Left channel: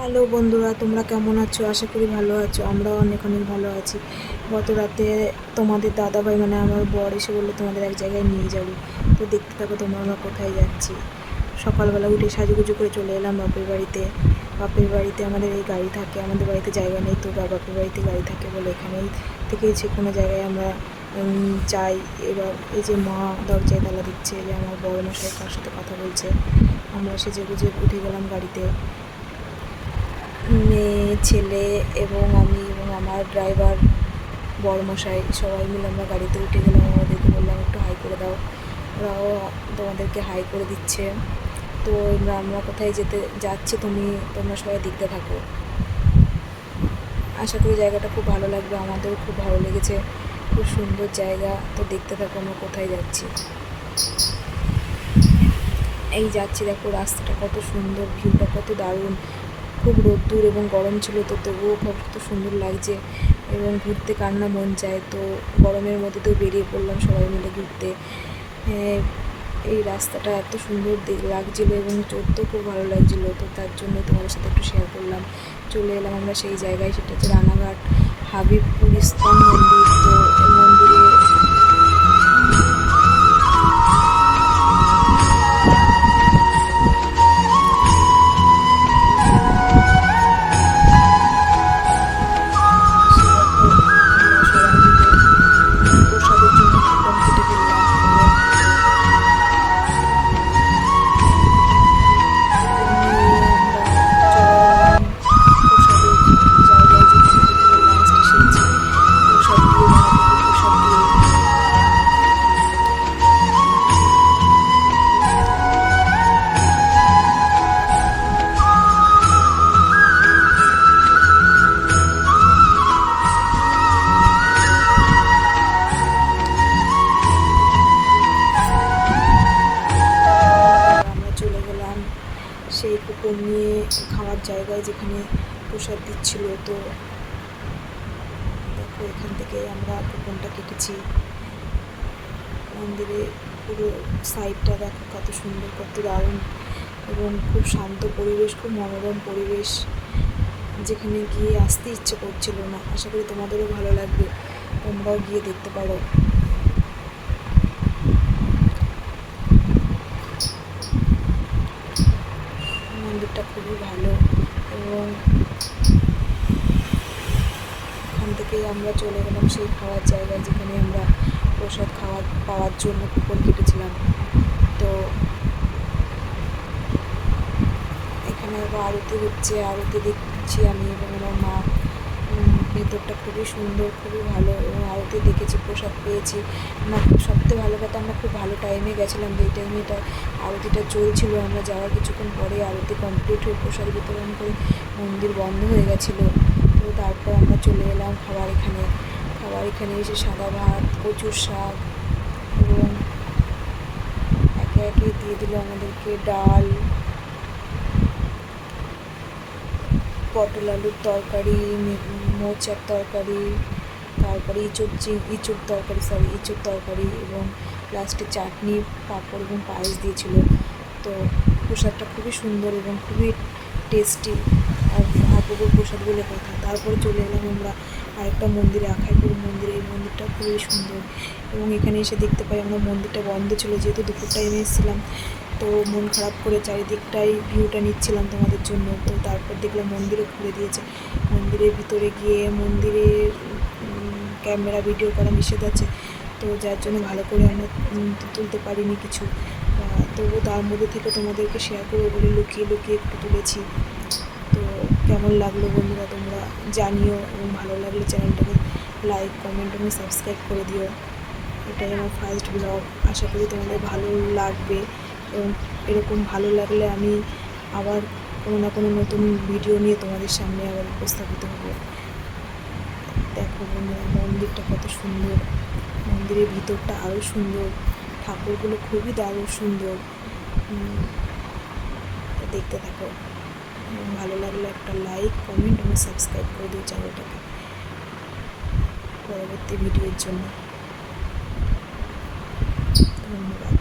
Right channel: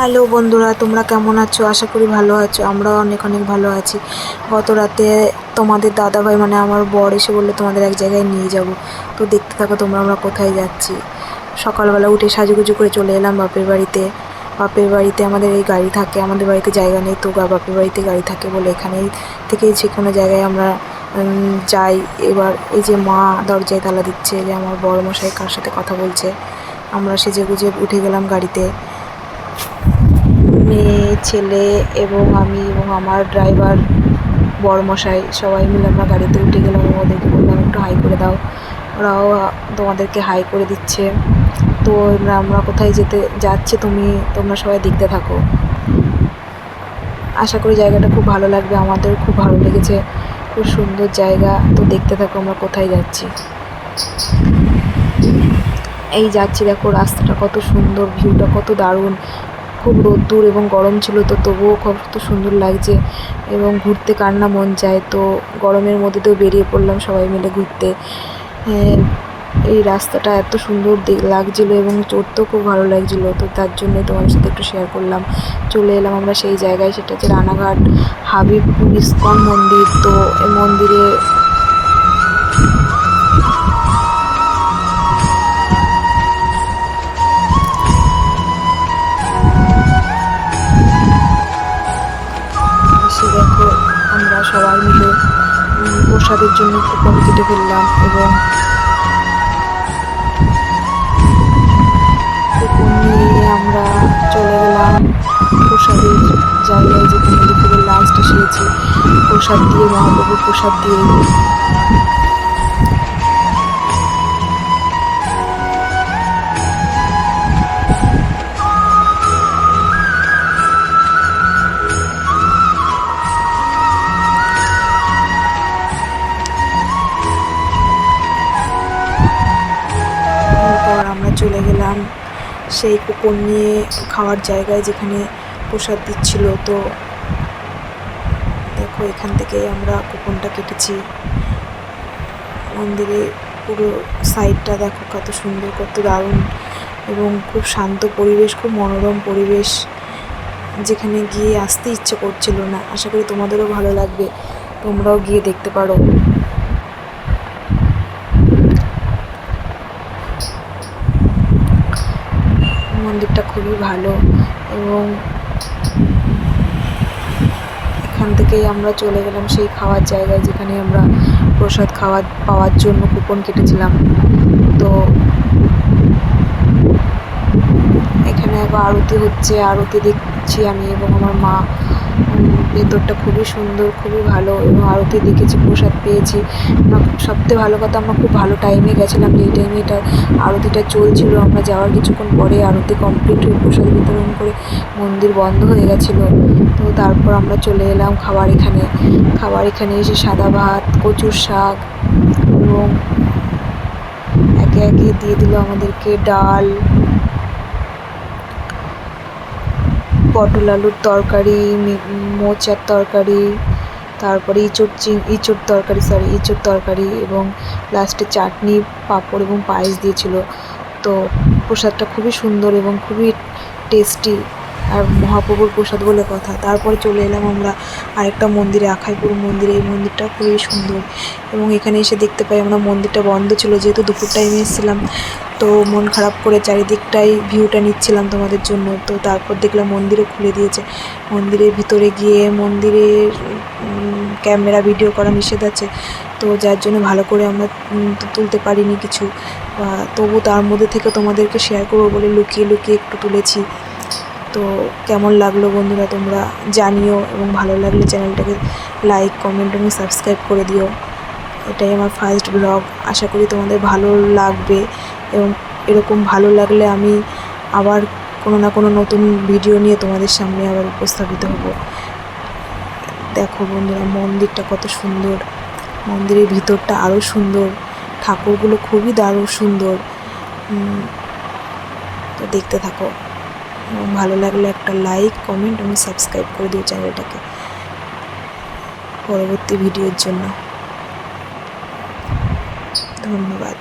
Hello বন্ধুরা, তোমরা কেমন আছো? আশা করি ভালো আছো। আমরাও অনেক অনেক ভালো আছি। গত রাতে তোমাদের দাদাভাই মানে আমার বর এসে বললো তোমাদের এক জায়গায় নিয়ে যাব। তো দেখতে থাকো তোমরা আমরা কোথায় যাচ্ছি। সকালবেলা উঠে সাজুগুজু করে চলে এলাম বাপের বাড়িতে। বাপের বাড়িতে আমাদের এই গাড়ি থাকে, আমাদের বাড়িতে জায়গা নেই, তো বাপের বাড়িতে গাড়ি থাকে বলে এখানেই থেকেই যে কোনো জায়গায় আমরা যাই। এবার এই যে মা দরজায় তালা দিচ্ছে, যে আমার বড় মশাই কার সাথে কথা বলছে। আমরা সেজেগুজে উঠে গেলাম গাড়িতে। মেয়ে, ছেলে এবং আমি এবং আমার ড্রাইভার বরমশাই সবাই মিলে আমরা গাড়িতে উঠে গেলাম। ওদেরকে বললাম একটু হাই করে দাও, ওরাও তোমাদেরকে হাই করে দিচ্ছে। তো আমরা কোথায় যাচ্ছি তোমরা সবাই দেখতে থাকো। আশা করি জায়গাটা খুব ভালো লাগবে, আমাদের খুব ভালো লেগেছে, খুব সুন্দর জায়গা। তো দেখতে থাকো আমরা কোথায় যাচ্ছি। এই যাচ্ছি, দেখো রাস্তাটা কত সুন্দর, ভিউটা কত দারুণ। খুব রোদ্দুর এবং গরম ছিল, তো তবুও কত সুন্দর লাগছে এবং ঘুরতে কার না মন চায়। তো গরমের মধ্যে তো বেরিয়ে পড়লাম সবাই মিলে ঘুরতে। এই রাস্তাটা এত সুন্দর লাগছিলো এবং চড়তেও খুব ভালো লাগছিলো, তো তার জন্যই তোমাদের সাথে একটু শেয়ার করলাম। চলে এলাম আমরা সেই জায়গায়, সেটা হচ্ছে রানাঘাট হাবিবপুর ইস্কন মন্দির। তো এই মন্দিরে এসে দেখো আমরা সবাই মিলে প্রসাদের জন্য কুপন কেটে ফেললাম এবং কুপন নিয়ে আমরা চলে গেলাম প্রসাদের জায়গায়, যেখানে দুপুরে লাস্ট এসেছি প্রসাদ দিয়ে, মহাপ্রভুর প্রসাদ দিয়ে। তারপর আমরা চলে গেলাম সেই কুপন নিয়ে খাওয়ার জায়গায়, যেখানে প্রসাদ দিচ্ছিল। তো দেখো এখান থেকে আমরা কুপনটা কেটেছি। মন্দিরে পুরো সাইডটা দেখো কত সুন্দর, কত দারুণ এবং খুব শান্ত পরিবেশ, খুব মনোরম পরিবেশ, যেখানে গিয়ে আসতে ইচ্ছে করছিল না। আশা করি তোমাদেরও ভালো লাগবে, তোমরাও গিয়ে দেখতে পারো। মন্দিরটা খুবই ভালো এবং এখান থেকেই আমরা চলে গেলাম সেই খাওয়ার জায়গায়, যেখানে আমরা প্রসাদ পাওয়ার জন্য কুপন কেটেছিলাম। তো এখানে আবার আরতি হচ্ছে, আরতি দেখছি আমি এবং আমার মা। ভেতরটা খুবই সুন্দর, খুবই ভালো এবং আরতি দেখেছি, প্রসাদ পেয়েছি। সবথেকে ভালো কথা, আমরা খুব ভালো টাইমে গেছিলাম, যেই টাইমে এটা আরতিটা চলছিল। আমরা যাওয়ার কিছুক্ষণ পরে আরতি কমপ্লিট হয়ে প্রসাদ বিতরণ করে মন্দির বন্ধ হয়ে গেছিলো। তো তারপর আমরা চলে এলাম খাবার এখানে এসে সাদা ভাত, কচুর শাক এবং একে একে দিয়ে দিল আমাদেরকে ডাল, পটল আলুর তরকারি, মোচার তরকারি, তারপরে ইঁচড় তরকারি এবং লাস্টে চাটনি, পাঁপড় এবং পায়েস দিয়েছিল। তো প্রসাদটা খুবই সুন্দর এবং খুবই টেস্টি, আর মহাপ্রভুর প্রসাদ বলে কথা। তারপরে চলে এলাম আমরা আরেকটা মন্দিরে, আখাইপুর মন্দিরে। এই মন্দিরটা খুবই সুন্দর এবং এখানে এসে দেখতে পাই আমরা মন্দিরটা বন্ধ ছিল, যেহেতু দুপুর টাইমে এসেছিলাম। তো মন খারাপ করে চারিদিকটাই ভিউটা নিচ্ছিলাম তোমাদের জন্য। তো তারপর দেখলাম মন্দিরও খুলে দিয়েছে। মন্দিরের ভিতরে গিয়ে মন্দিরের ক্যামেরা ভিডিও করা নিষেধ আছে, তো যার জন্য ভালো করে আমরা তুলতে পারিনি কিছু। তবু তার মধ্যে থেকে তোমাদেরকে শেয়ার করবো বলে লুকিয়ে লুকিয়ে একটু তুলেছি। তো কেমন লাগলো বন্ধুরা তোমরা জানিও, এবং ভালো লাগলে চ্যানেলটাকে লাইক, কমেন্ট এবং সাবস্ক্রাইব করে দিও। এটাই আমার ফার্স্ট ব্লগ, আশা করি তোমাদের ভালো লাগবে এবং এরকম ভালো লাগলে আমি আবার কোনো না কোনো নতুন ভিডিও নিয়ে তোমাদের সামনে আবার উপস্থাপিত হব। দেখো বন্ধুরা মন্দিরটা কত সুন্দর, মন্দিরের ভিতরটা আরও সুন্দর, ঠাকুরগুলো খুবই দারুণ সুন্দর। তো দেখতে থাকো এবং ভালো লাগলে একটা লাইক, কমেন্ট এবং সাবস্ক্রাইব করে দিও চ্যানেলটাকে পরবর্তী ভিডিওর জন্য। ধন্যবাদ।